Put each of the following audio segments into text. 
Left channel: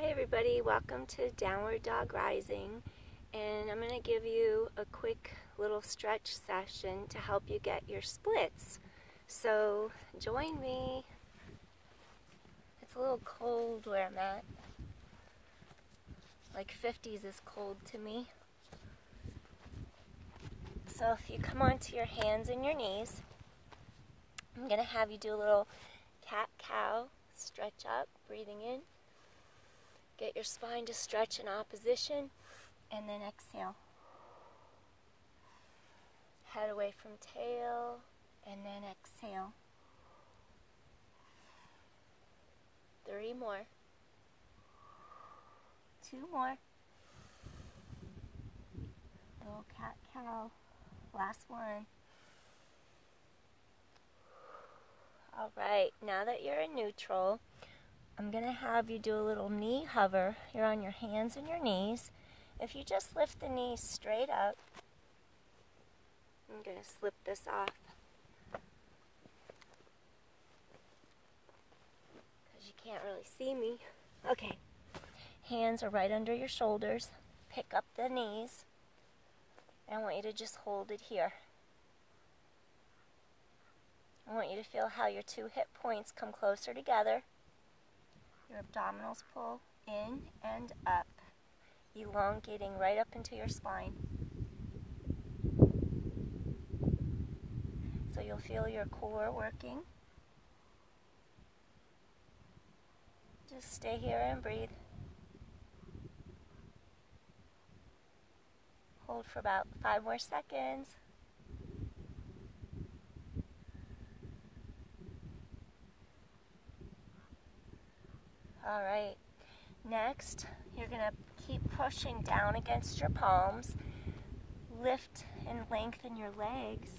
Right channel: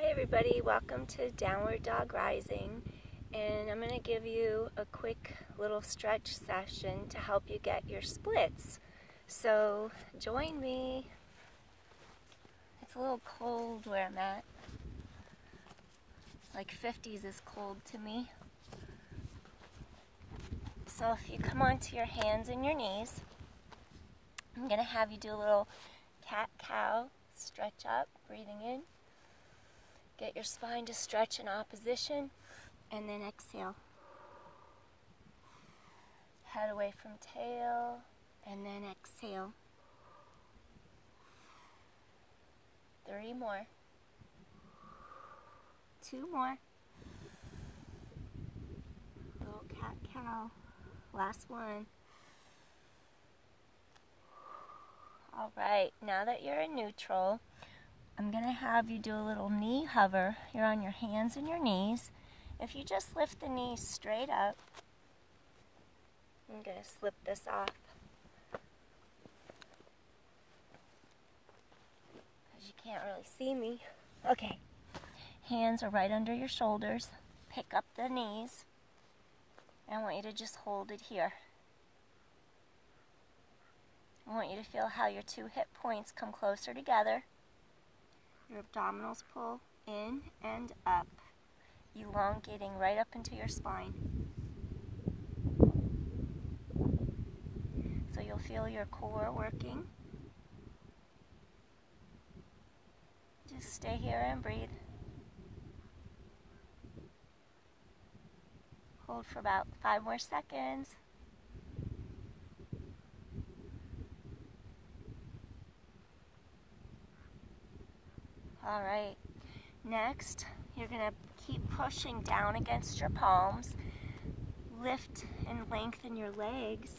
Hi everybody, welcome to Downward Dog Rising, and I'm going to give you a quick little stretch session to help you get your splits. So join me. It's a little cold where I'm at. Like 50s is cold to me. So if you come onto your hands and your knees, I'm going to have you do a little cat-cow, stretch up, breathing in. Get your spine to stretch in opposition, and then exhale. Head away from tail, and then exhale. 3 more. 2 more. Little cat-cow. Last one. All right, now that you're in neutral, I'm going to have you do a little knee hover. You're on your hands and your knees. If you just lift the knees straight up, I'm going to slip this off because you can't really see me. Okay, hands are right under your shoulders. Pick up the knees. I want you to just hold it here. I want you to feel how your 2 hip points come closer together. Your abdominals pull in and up, elongating right up into your spine. So you'll feel your core working. Just stay here and breathe. Hold for about 5 more seconds. All right, next, you're going to keep pushing down against your palms. Lift and lengthen your legs.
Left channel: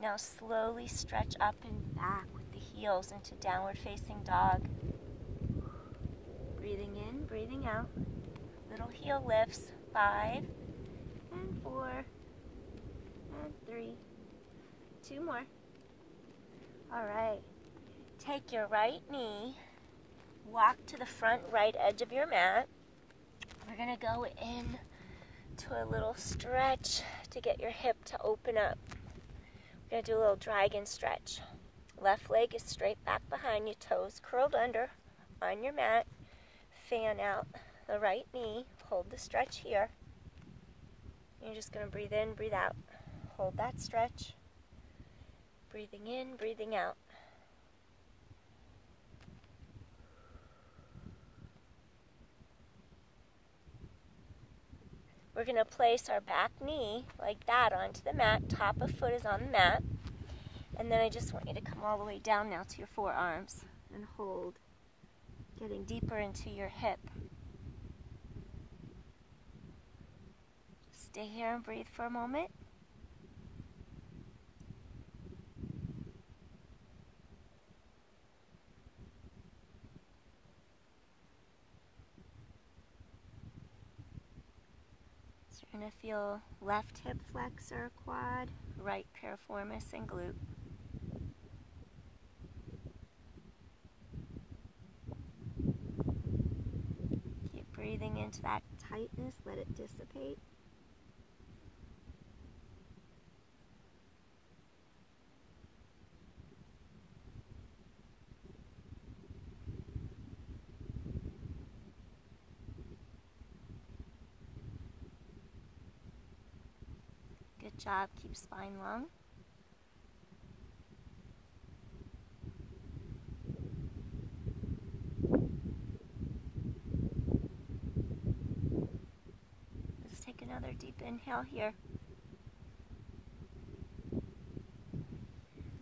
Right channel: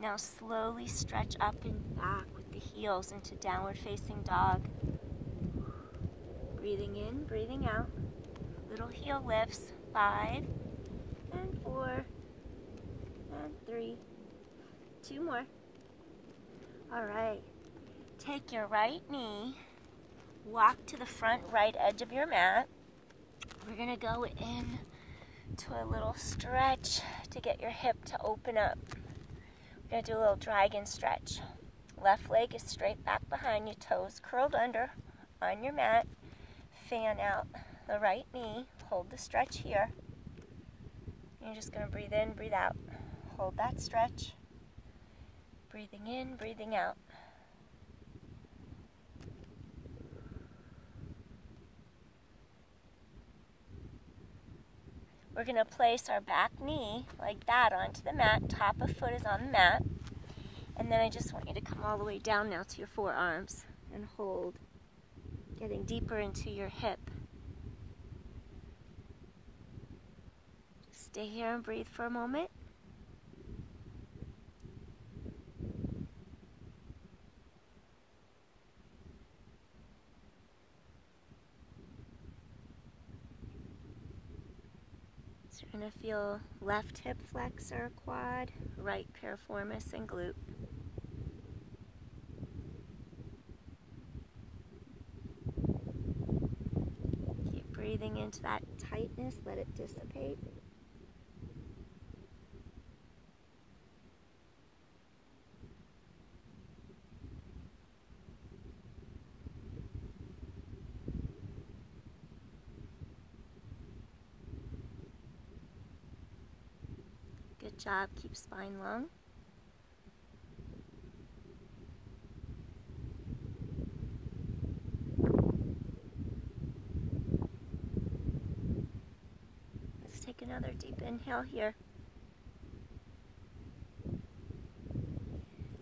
Now slowly stretch up and back with the heels into downward facing dog. Breathing in, breathing out. Little heel lifts. 5 and 4 and 3. 2 more. All right, take your right knee. Walk to the front right edge of your mat. We're going to go in to a little stretch to get your hip to open up. We're going to do a little dragon stretch. Left leg is straight back behind you, toes curled under on your mat. Fan out the right knee. Hold the stretch here. You're just going to breathe in, breathe out. Hold that stretch. Breathing in, breathing out. We're going to place our back knee like that onto the mat. Top of foot is on the mat. And then I just want you to come all the way down now to your forearms and hold, getting deeper into your hip. Just stay here and breathe for a moment. You're going to feel left hip flexor, quad, right piriformis, and glute. Keep breathing into that tightness, let it dissipate. Good job. Keep spine long. Let's take another deep inhale here.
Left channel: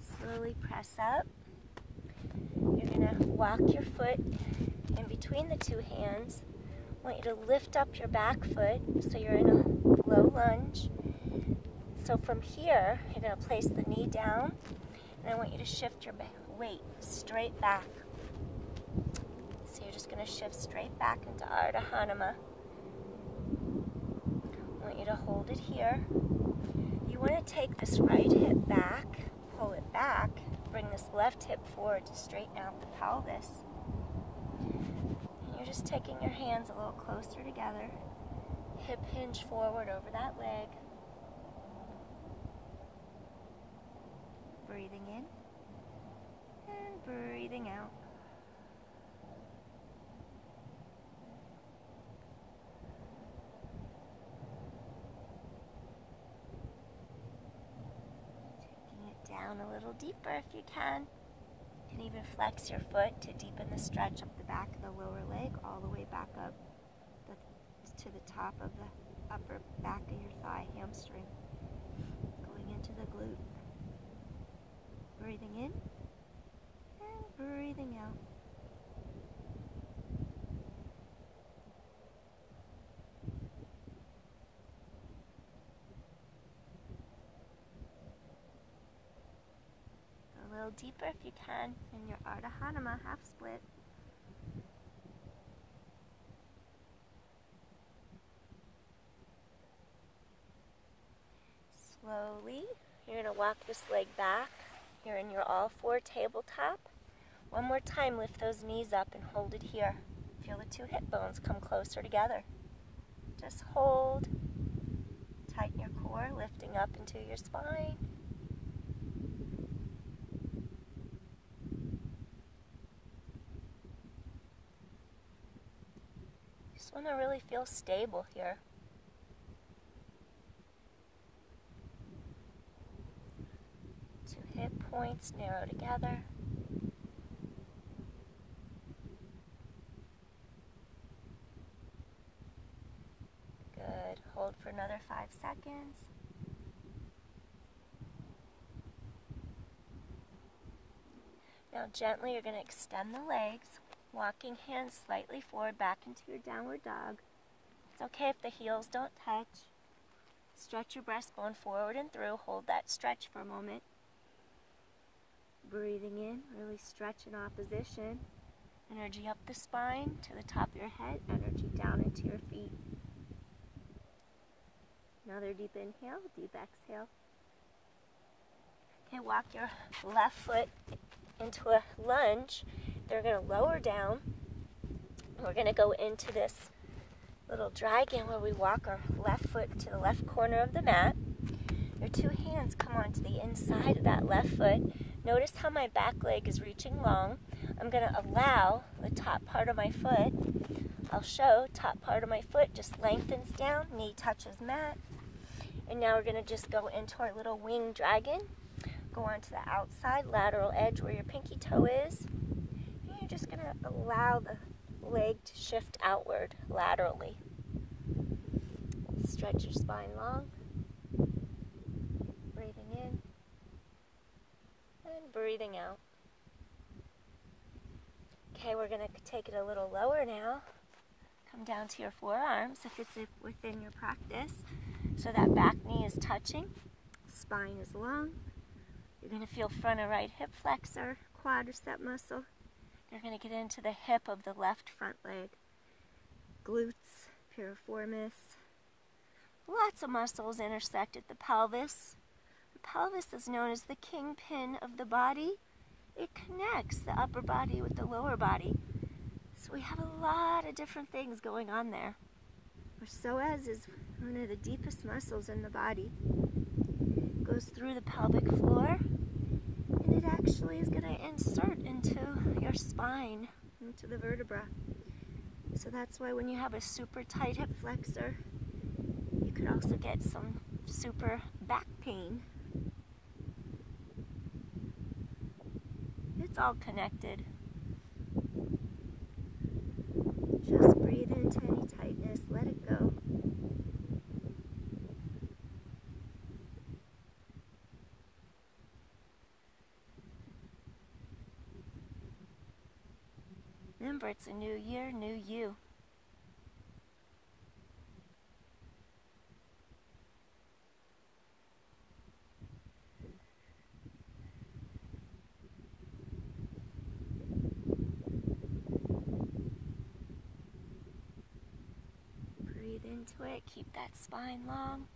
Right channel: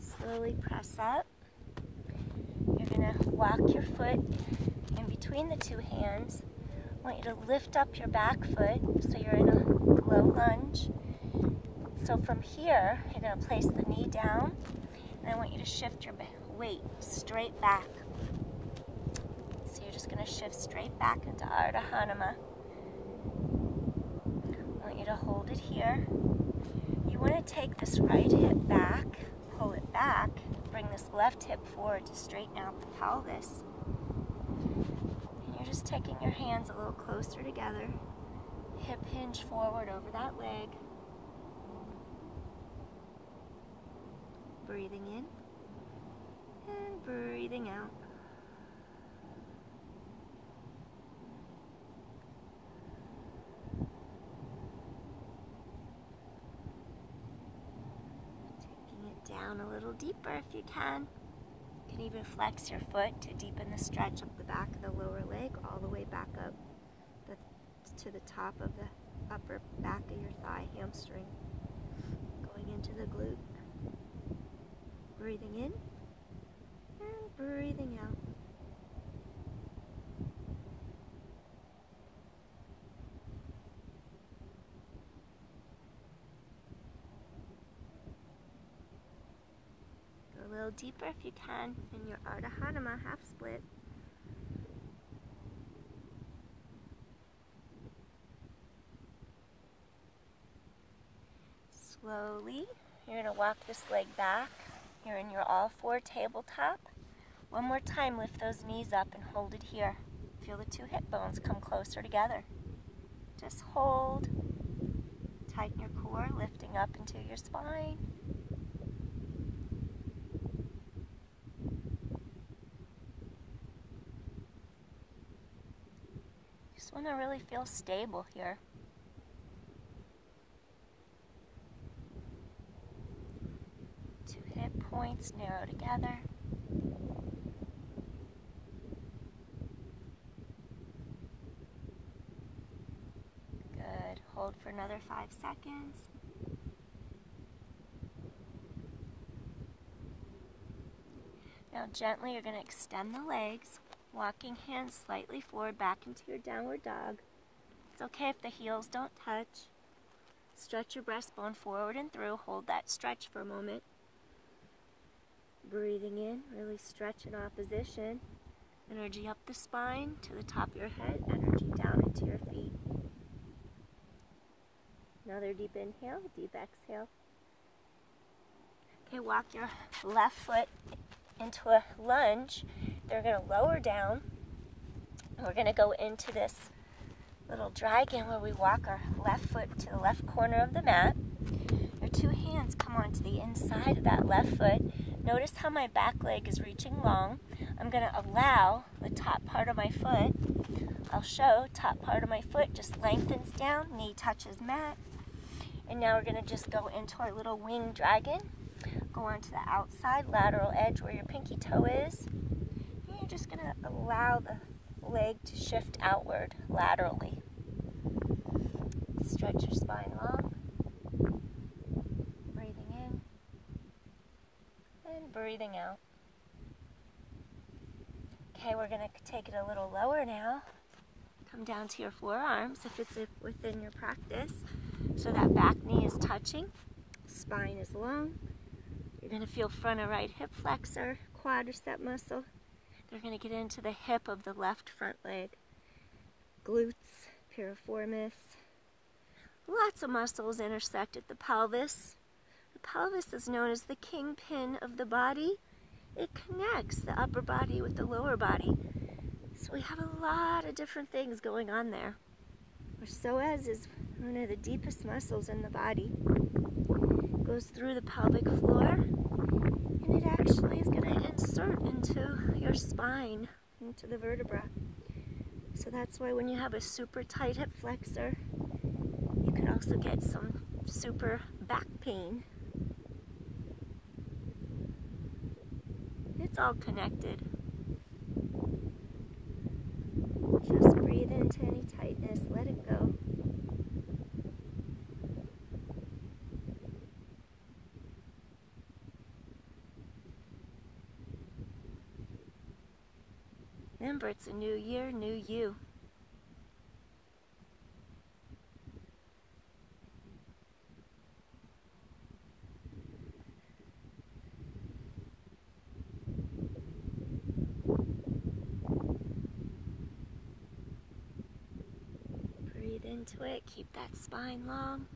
Slowly press up. You're going to walk your foot in between the 2 hands. I want you to lift up your back foot so you're in a low lunge. So from here, you're going to place the knee down, and I want you to shift your weight straight back. So you're just going to shift straight back into Ardha Hanuman. I want you to hold it here. You want to take this right hip back, pull it back, bring this left hip forward to straighten out the pelvis. And you're just just taking your hands a little closer together. Hip hinge forward over that leg. Breathing in and breathing out. Taking it down a little deeper if you can. You can even flex your foot to deepen the stretch up the back of the lower leg all the way back up to the top of the upper back of your thigh, hamstring, going into the glute. Breathing in and breathing out. Go a little deeper if you can in your Ardha Hanuman half split. Slowly, you're going to walk this leg back. You're in your all four tabletop. One more time, lift those knees up and hold it here. Feel the two hip bones come closer together. Just hold. Tighten your core, lifting up into your spine. Just want to really feel stable here. Two hip points narrow together. Good. Hold for another 5 seconds. Now gently you're going to extend the legs, walking hands slightly forward back into your downward dog. It's okay if the heels don't touch. Stretch your breastbone forward and through. Hold that stretch for a moment. Breathing in, really stretch in opposition. Energy up the spine to the top of your head, energy down into your feet. Another deep inhale, deep exhale. Okay, walk your left foot into a lunge. They're going to lower down. And we're going to go into this little dragon where we walk our left foot to the left corner of the mat. Your two hands come onto the inside of that left foot. Notice how my back leg is reaching long. I'm going to allow the top part of my foot. I'll show top part of my foot just lengthens down, knee touches mat. And now we're going to just go into our little wing dragon. Go onto the outside lateral edge where your pinky toe is. And you're just going to allow the leg to shift outward laterally. Stretch your spine long. Breathing in and breathing out. Okay, we're going to take it a little lower now. Come down to your forearms if it's within your practice. So that back knee is touching, spine is long. You're going to feel front of right hip flexor, quadricep muscle. They're going to get into the hip of the left front leg. Glutes, piriformis. Lots of muscles intersect at the pelvis. The pelvis is known as the kingpin of the body. It connects the upper body with the lower body. So we have a lot of different things going on there. Our psoas is one of the deepest muscles in the body. It goes through the pelvic floor, and it actually is going to insert into your spine, into the vertebra. So that's why when you have a super tight hip flexor, you could also get some super back pain. It's all connected. Just breathe into any tightness, let it go. Remember, it's a new year, new you. Breathe into it, keep that spine long.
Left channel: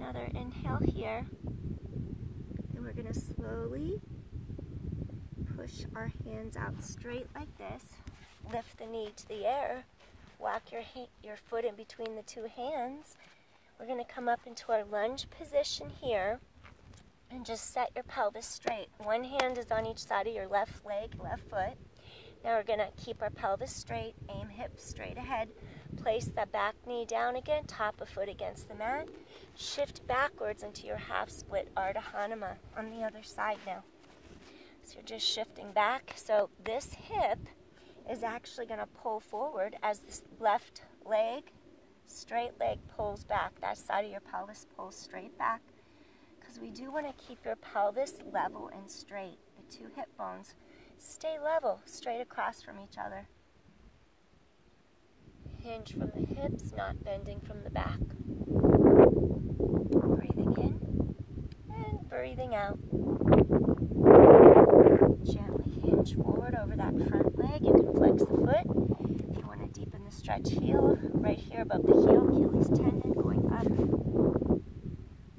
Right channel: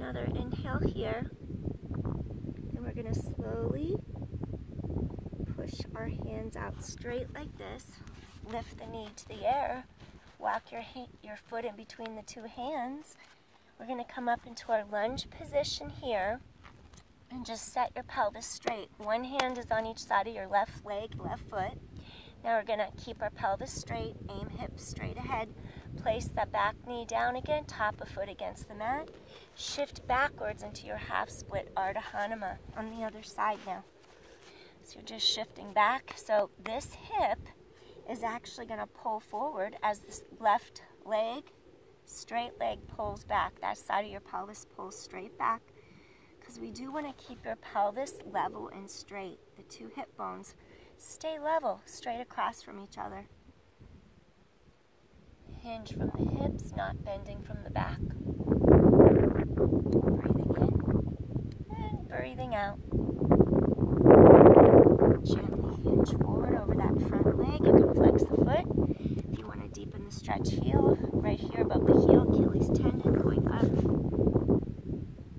another inhale here. And we're going to slowly push our hands out straight like this. Lift the knee to the air. Walk your foot in between the two hands. We're going to come up into our lunge position here and just set your pelvis straight. One hand is on each side of your left leg, left foot. Now we're going to keep our pelvis straight, aim hips straight ahead. Place that back knee down again, top of foot against the mat. Shift backwards into your half split Ardha Hanuman on the other side now. So you're just shifting back. So this hip is actually going to pull forward as this left leg, straight leg pulls back. That side of your pelvis pulls straight back because we do want to keep your pelvis level and straight. The two hip bones stay level, straight across from each other. Hinge from the hips, not bending from the back. Breathing in and breathing out. Gently hinge forward over that front leg. You can flex the foot. If you want to deepen the stretch heel, right here above the heel, Achilles tendon going up.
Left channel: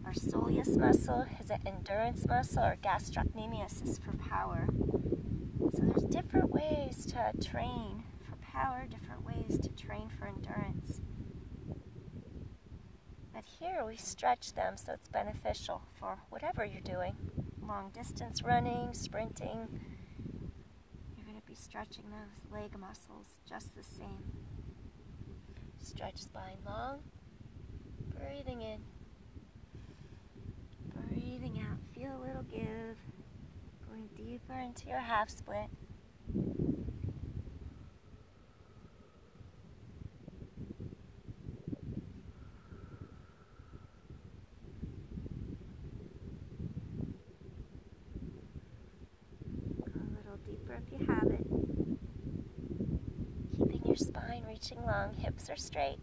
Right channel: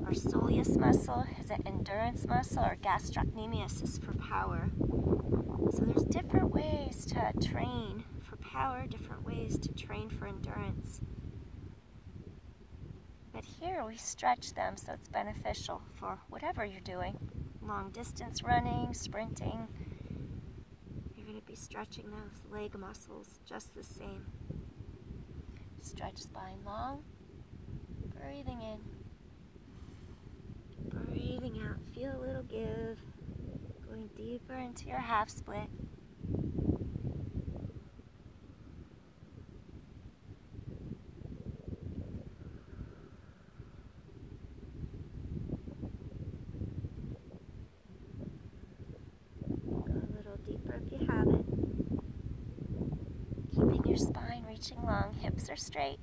Our soleus muscle is an endurance muscle. Our gastrocnemius is for power. So there's different ways to train for power, different ways to train for endurance. But here we stretch them so it's beneficial for whatever you're doing. Long distance running, sprinting. You're going to be stretching those leg muscles just the same. Stretch spine long. Breathing in. Breathing out. Feel a little give. Going deeper into your half split. Go a little deeper if you have it. Keeping your spine reaching long, hips are straight.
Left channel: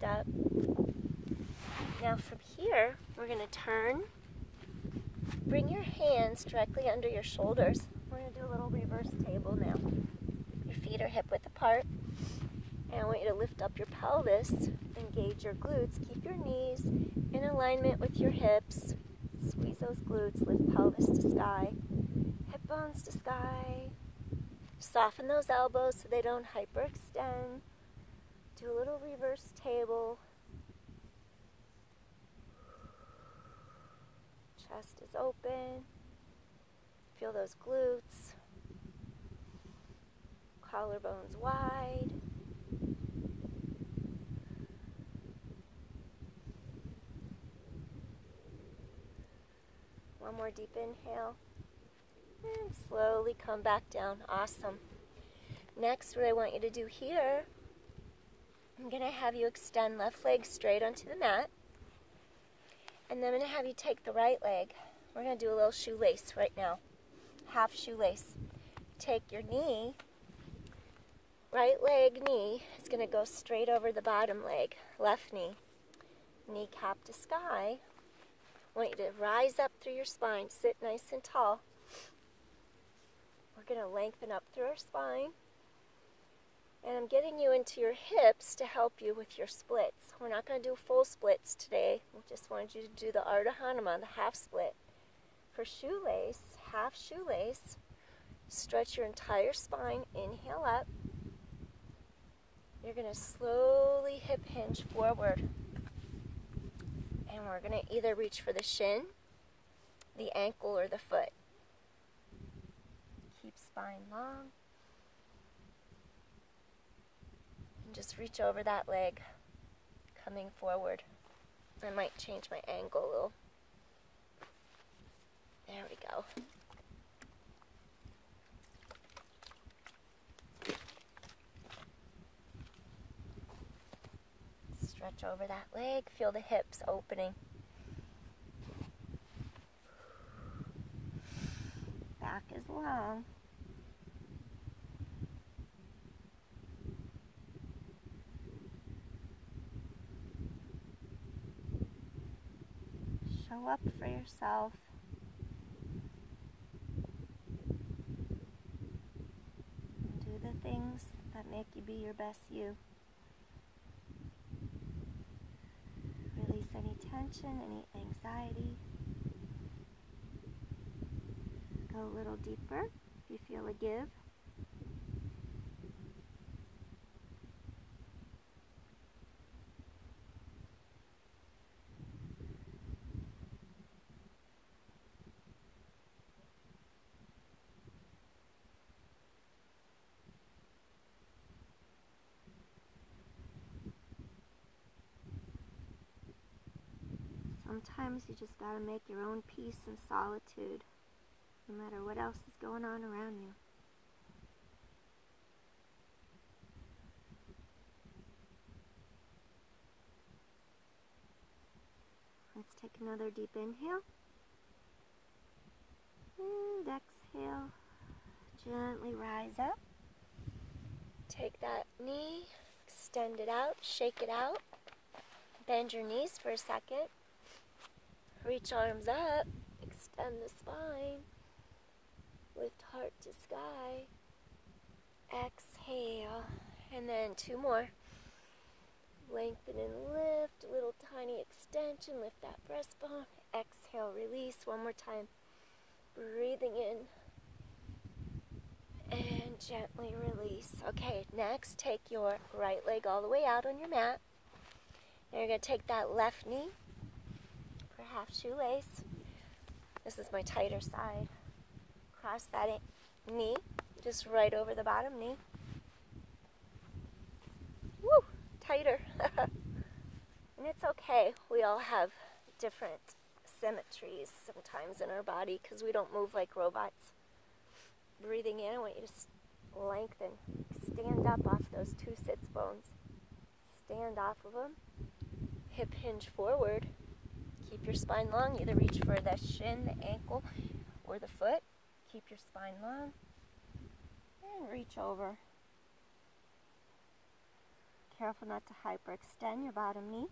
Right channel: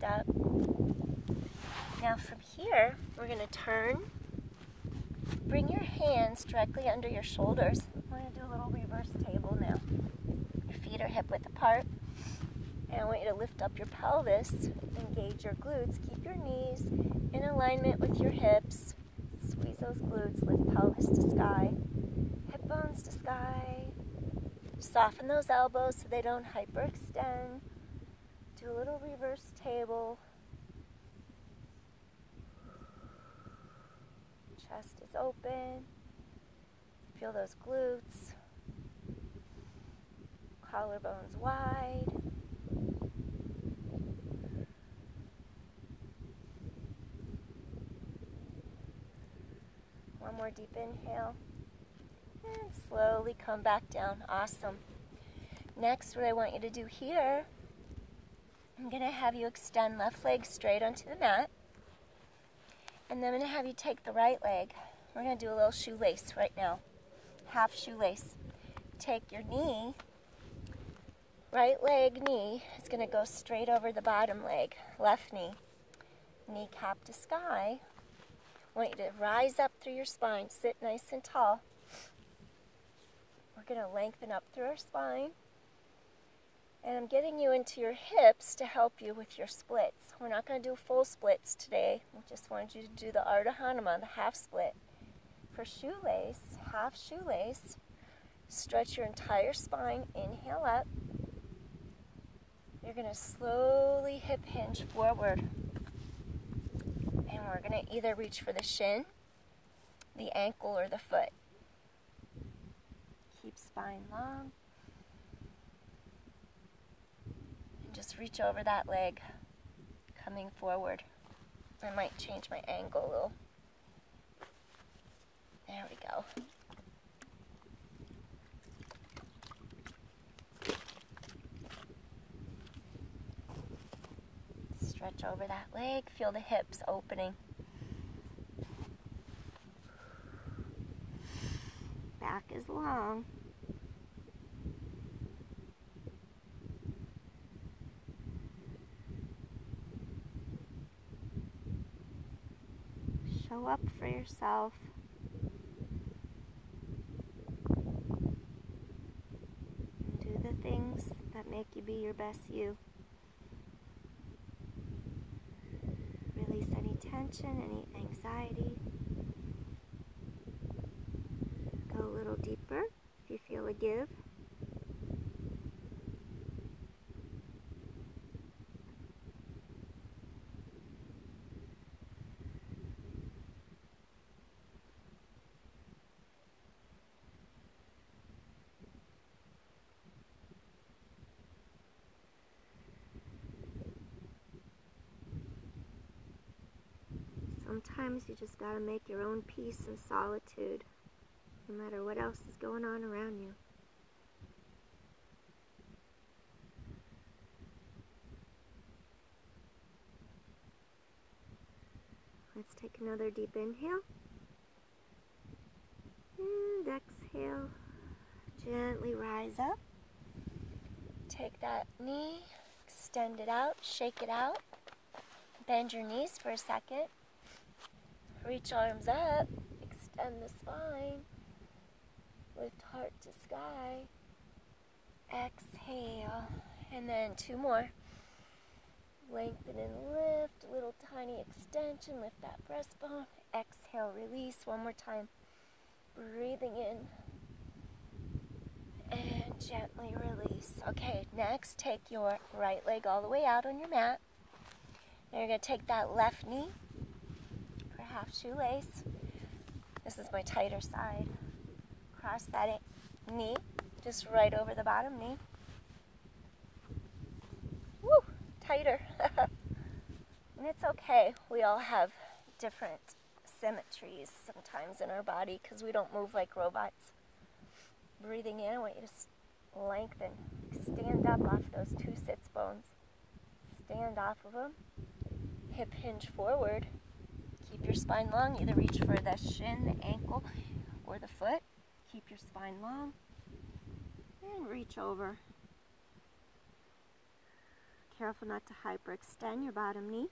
Up. Now from here, we're going to turn. Bring your hands directly under your shoulders. We're going to do a little reverse table now. Your feet are hip width apart. And I want you to lift up your pelvis, engage your glutes, keep your knees in alignment with your hips. Squeeze those glutes, lift pelvis to sky, hip bones to sky. Soften those elbows so they don't hyperextend. Do a little reverse table. Chest is open. Feel those glutes. Collarbones wide. One more deep inhale. And slowly come back down. Awesome. Next, what I want you to do here, I'm going to have you extend left leg straight onto the mat. And then I'm going to have you take the right leg. We're going to do a little shoelace right now. Half shoelace. Take your knee. Right leg knee is going to go straight over the bottom leg. Left knee. Kneecap to sky. I want you to rise up through your spine. Sit nice and tall. We're going to lengthen up through our spine. And I'm getting you into your hips to help you with your splits. We're not going to do full splits today. We just wanted you to do the Ardha Hanuman, the half split. For shoelace, half shoelace, stretch your entire spine. Inhale up. You're going to slowly hip hinge forward. And we're going to either reach for the shin, the ankle, or the foot. Keep spine long. Just reach over that leg, coming forward. I might change my angle a little. There we go. Stretch over that leg, feel the hips opening. Back is long. Show up for yourself. And do the things that make you be your best you. Release any tension, any anxiety. Go a little deeper if you feel a give. Sometimes you just gotta make your own peace and solitude, no matter what else is going on around you. Let's take another deep inhale. And exhale. Gently rise up. Take that knee, extend it out, shake it out. Bend your knees for a second. Reach arms up, extend the spine, lift heart to sky, exhale, and then 2 more. Lengthen and lift, little tiny extension, lift that breastbone, exhale, release, 1 more time. Breathing in, and gently release. Okay, next, take your right leg all the way out on your mat. Now you're going to take that left knee, half shoelace. This is my tighter side. Cross that knee just right over the bottom knee. Woo! Tighter. And it's okay. We all have different symmetries sometimes in our body because we don't move like robots. Breathing in, I want you to lengthen. Stand up off those 2 sits bones. Stand off of them. Hip hinge forward. Keep your spine long. Either reach for the shin, the ankle, or the foot. Keep your spine long. And reach over. Careful not to hyperextend your bottom knee.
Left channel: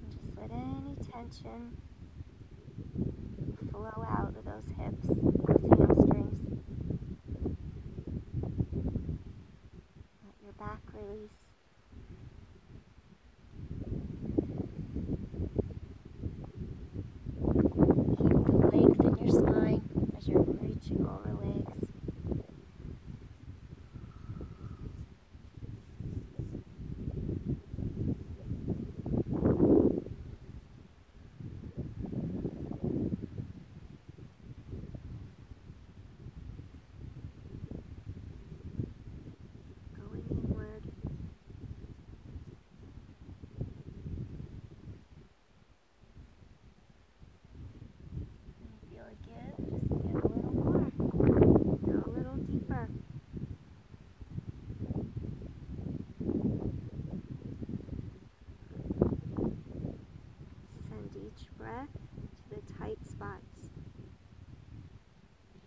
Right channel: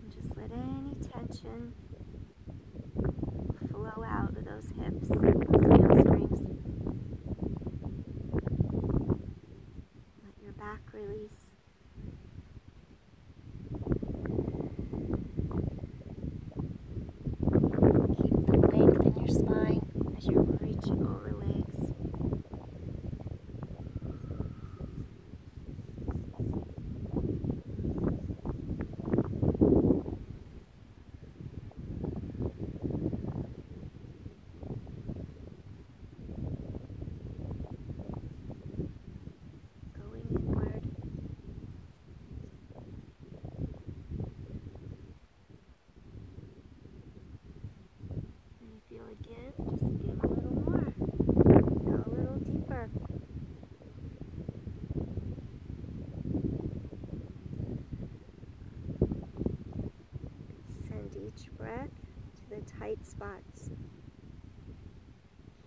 And just let any tension flow out of those hips, those hamstrings. Back release. Keep the length in your spine as you're reaching over legs. Give, just give a little more. Go a little deeper. Send each breath to the tight spots,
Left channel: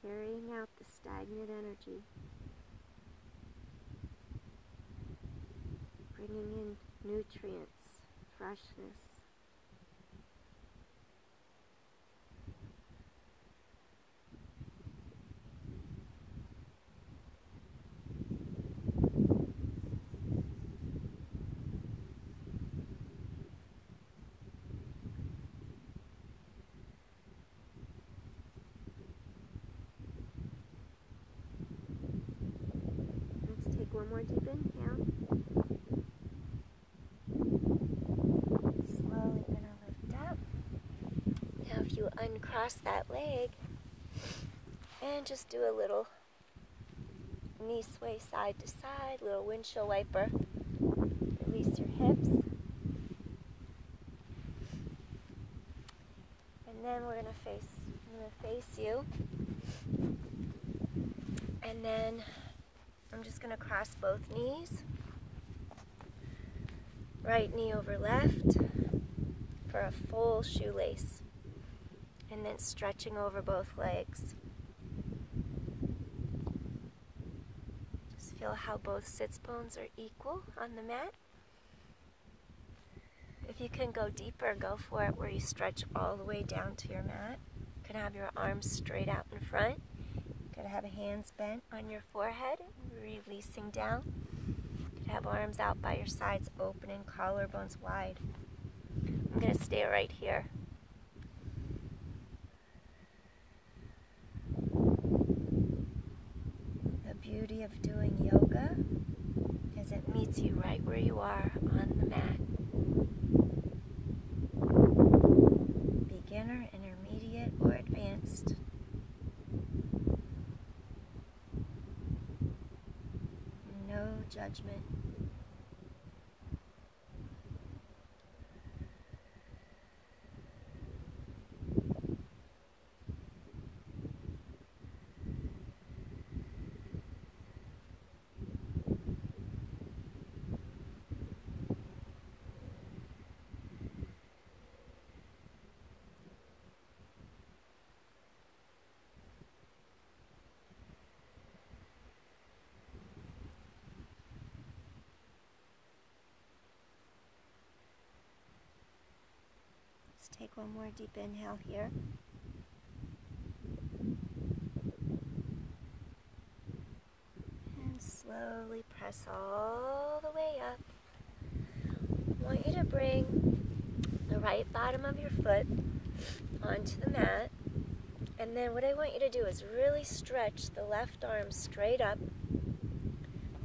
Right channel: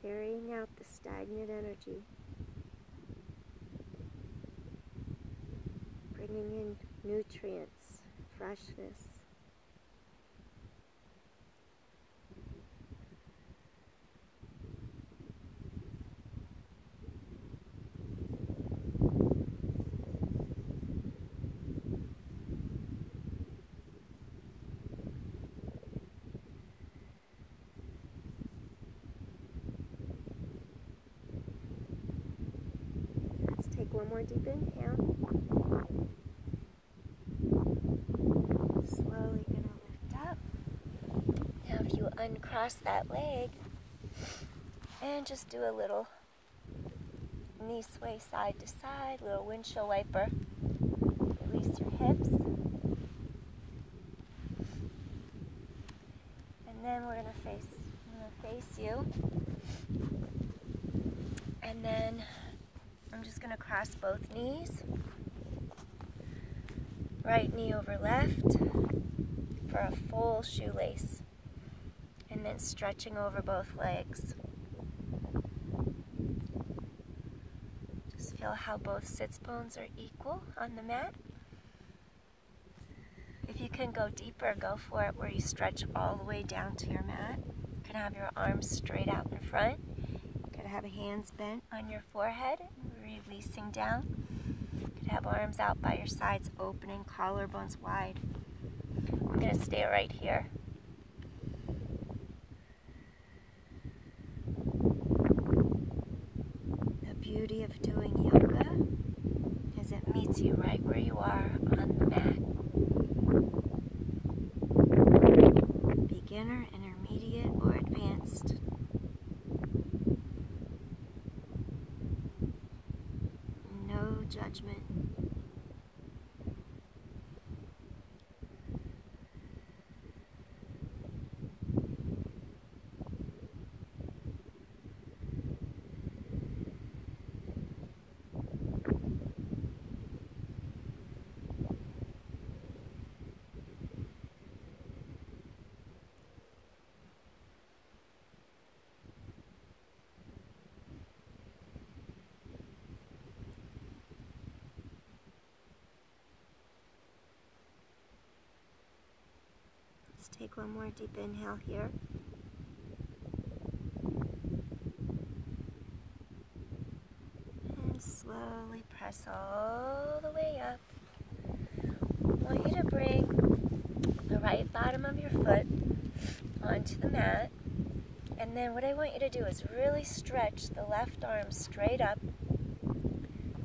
carrying out the stagnant energy, bringing in nutrients, freshness. Take 1 more deep inhale. Slowly gonna lift up. Now if you uncross that leg and just do a little knee sway side to side, little windshield wiper. Release your hips. And then I'm gonna face you. And then I'm just going to cross both knees. Right knee over left for a full shoelace. And then stretching over both legs. Just Feel how both sits bones are equal on the mat. If you can go deeper, go for it, where you stretch all the way down to your mat. You can have your arms straight out in front. You could have hands bent on your forehead, releasing down. You could have arms out by your sides, opening, collarbones wide. I'm going to stay right here. The beauty of doing yoga is it meets you right where you are on the mat. Beginner, intermediate, or advanced. No judgment. Take one more deep inhale here. And slowly press all the way up. I want you to bring the right bottom of your foot onto the mat. And then what I want you to do is really stretch the left arm straight up.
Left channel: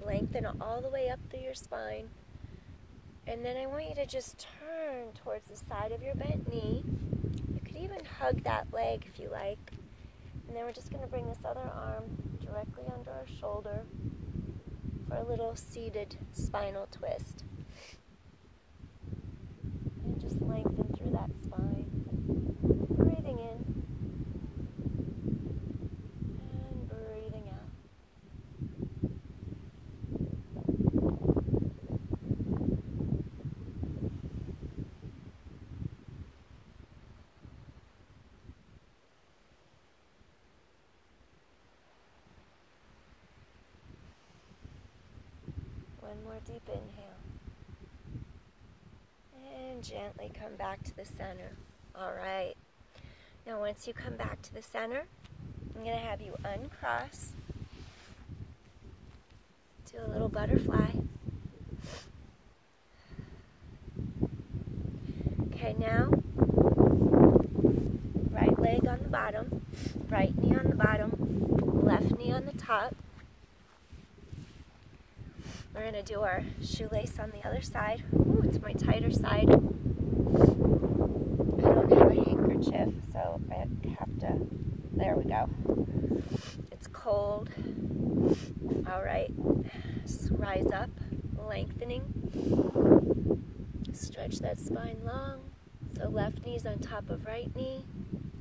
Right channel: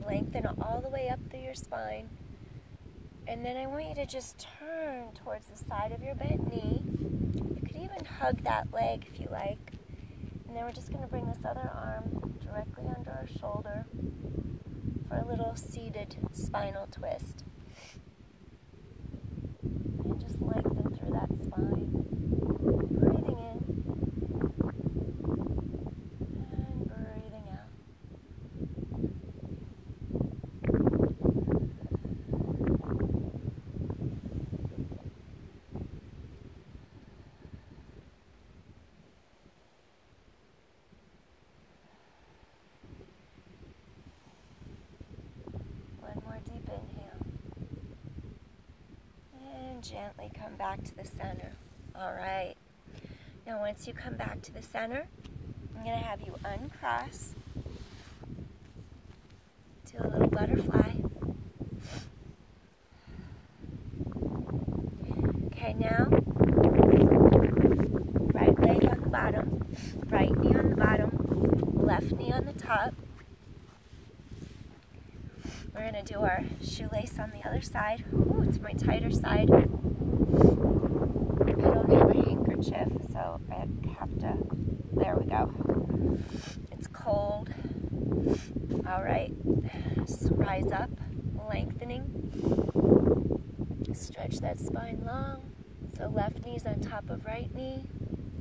Lengthen it all the way up through your spine. And then I want you to just turn towards the side of your bent knee. You could even hug that leg if you like. And then we're just going to bring this other arm directly under our shoulder for a little seated spinal twist. And just lengthen through that spine. Breathing in. And breathing out. One more deep inhale. And gently come back to the center. All right. Now once you come back to the center, I'm going to have you uncross. Do a little butterfly. Okay, now, right leg on the bottom, right knee on the bottom, left knee on the top. We're going to do our shoelace on the other side. Ooh, it's my tighter side. I don't have a handkerchief, so I have to, there we go. It's cold. All right, just rise up, lengthening. Stretch that spine long. So left knee's on top of right knee.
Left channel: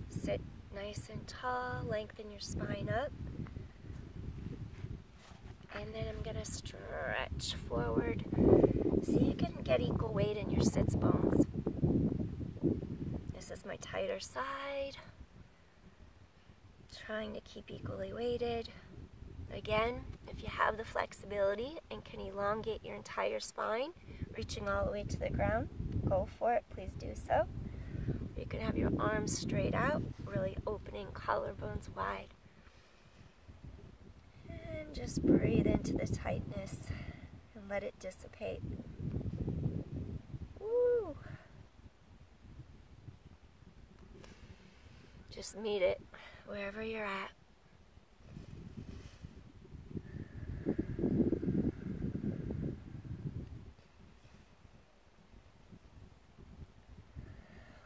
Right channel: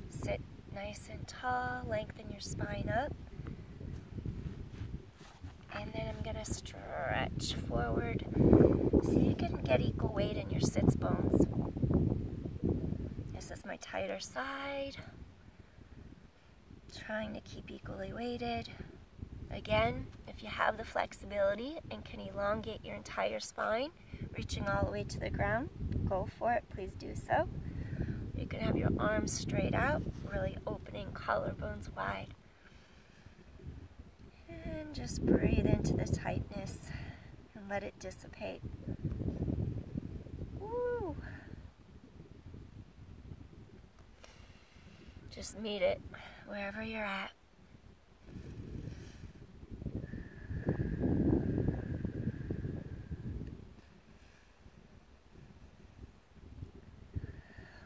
Sit nice and tall, lengthen your spine up. And then I'm going to stretch forward so you can get equal weight in your sits bones. This is my tighter side. Trying to keep equally weighted. Again, if you have the flexibility and can elongate your entire spine, reaching all the way to the ground, go for it, please do so. You can have your arms straight out, really opening collarbones wide. And just breathe into the tightness and let it dissipate. Woo! Just meet it wherever you're at.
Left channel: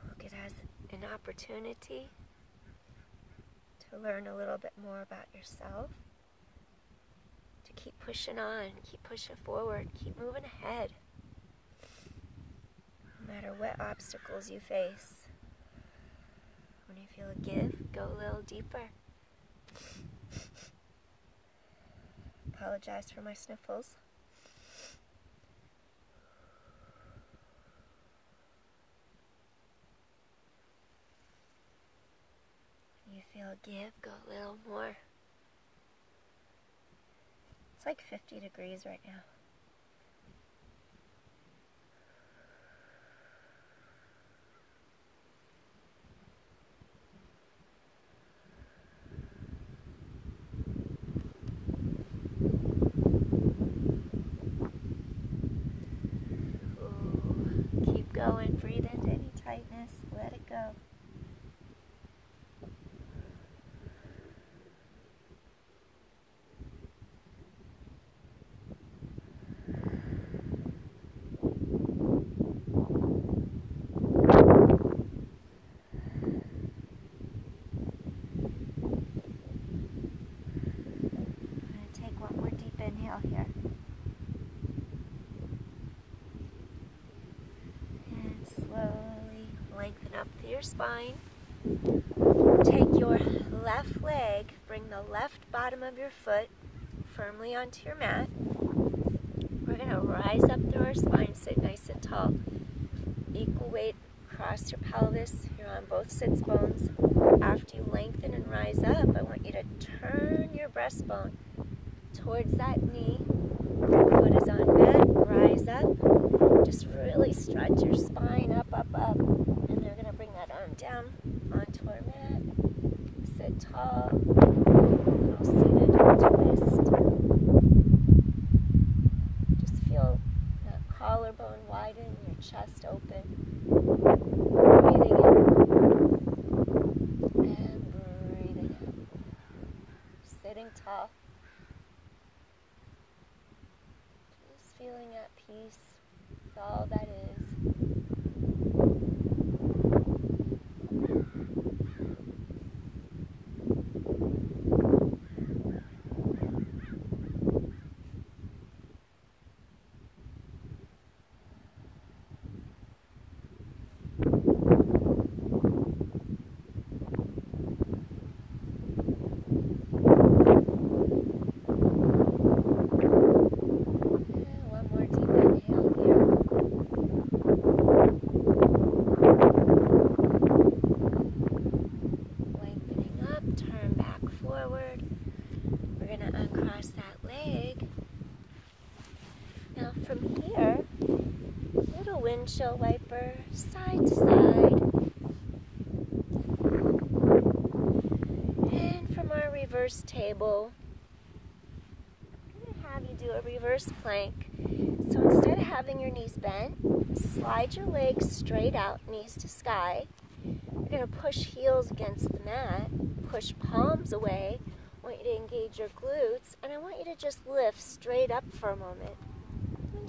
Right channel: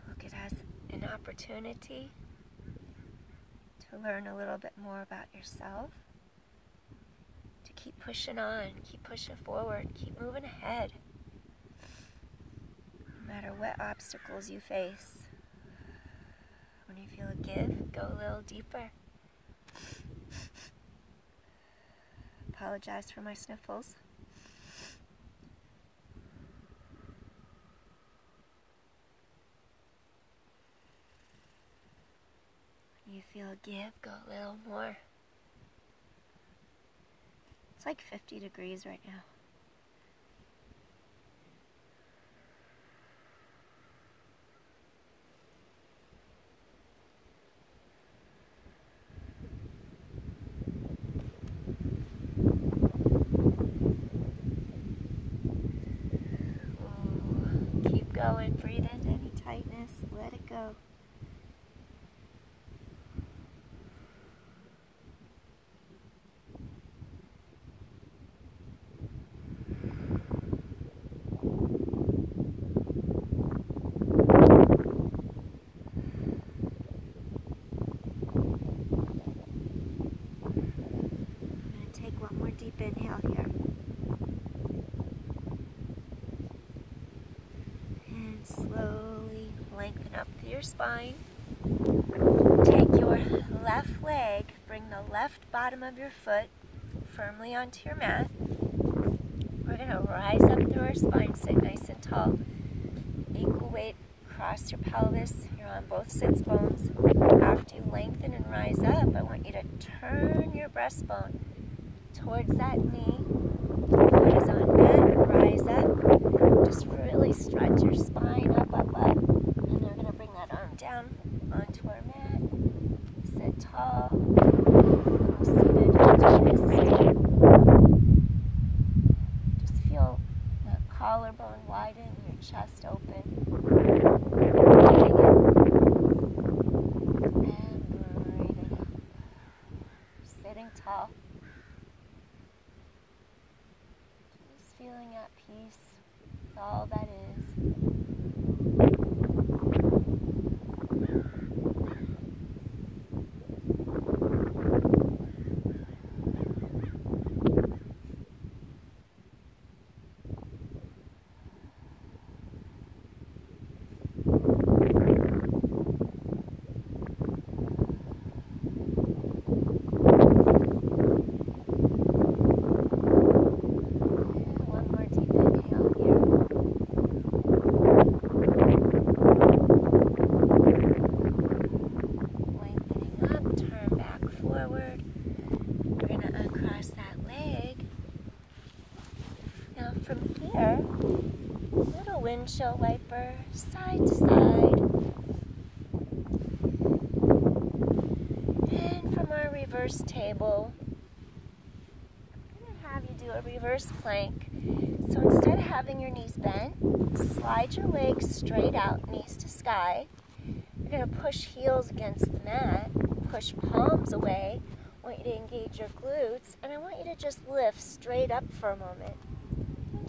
Look it as an opportunity to learn a little bit more about yourself. Keep pushing on, keep pushing forward, keep moving ahead. No matter what obstacles you face. When you feel a give, go a little deeper. Apologize for my sniffles. When you feel a give, go a little more. It's like 50 degrees right now. Ooh, keep going. Breathe into any tightness. Let it go. Deep inhale here. And slowly lengthen up through your spine. Take your left leg, bring the left bottom of your foot firmly onto your mat. We're going to rise up through our spine, sit nice and tall. Equal weight across your pelvis. You're on both sits bones. After you lengthen and rise up, I want you to turn your breastbone towards that knee. Foot is on mat, rise up. Just really stretch your spine up. And then we're going to bring that arm down onto our mat. Sit tall. All seated twist. Just feel that collarbone widen, your chest open. And breathing. Sitting tall. Feeling at peace with all that is. From here, little windshield wiper, side to side. And from our reverse table, I'm going to have you do a reverse plank. So instead of having your knees bent, slide your legs straight out, knees to sky. You're going to push heels against the mat, push palms away. I want you to engage your glutes, and I want you to just lift straight up for a moment.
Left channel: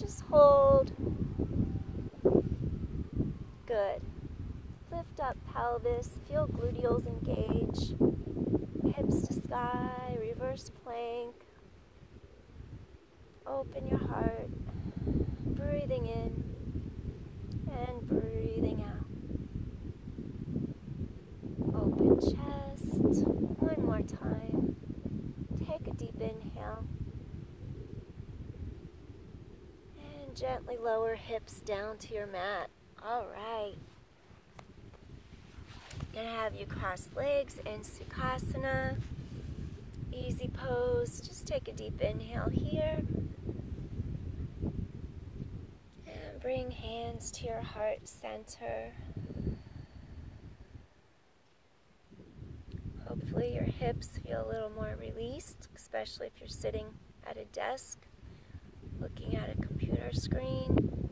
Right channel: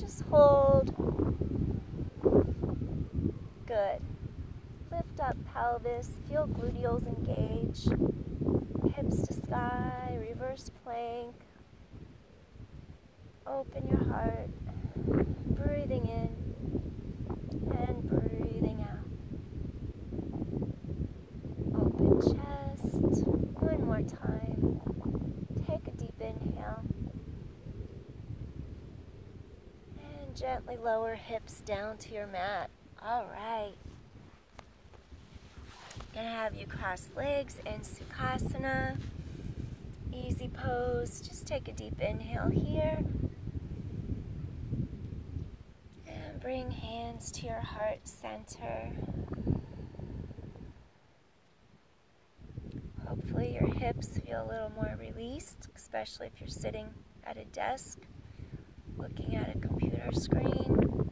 Just hold. Good. Lift up pelvis. Feel gluteals engage. Hips to sky. Reverse plank. Open your heart. Breathing in and breathing out. Open chest. One more time. Take a deep inhale. Gently lower hips down to your mat. All right. Gonna have you cross legs in Sukhasana. Easy pose. Just take a deep inhale here. And bring hands to your heart center. Hopefully your hips feel a little more released, especially if you're sitting at a desk, looking at a computer screen.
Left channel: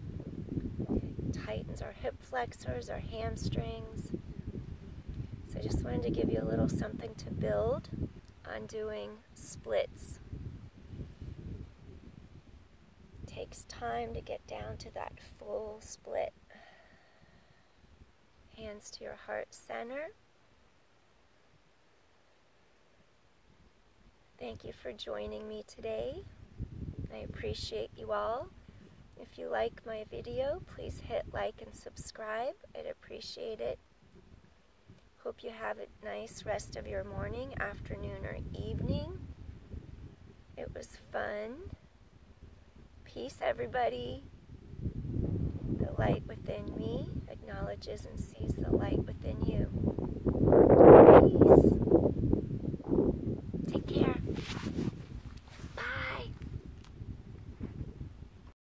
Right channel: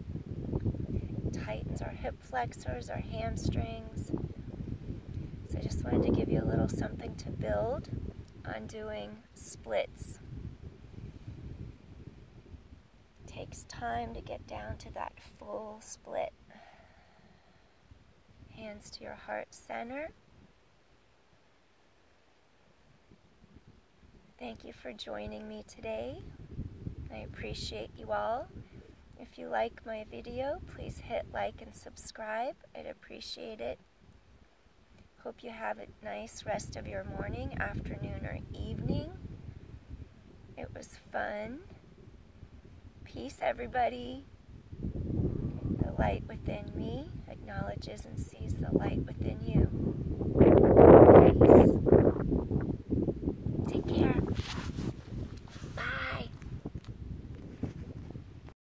Tightens our hip flexors, our hamstrings. So I just wanted to give you a little something to build on doing splits. It takes time to get down to that full split. Hands to your heart center. Thank you for joining me today. I appreciate you all. If you like my video, please hit like and subscribe. I'd appreciate it. Hope you have a nice rest of your morning, afternoon, or evening. It was fun. Peace, everybody. The light within me acknowledges and sees the light within you. Peace.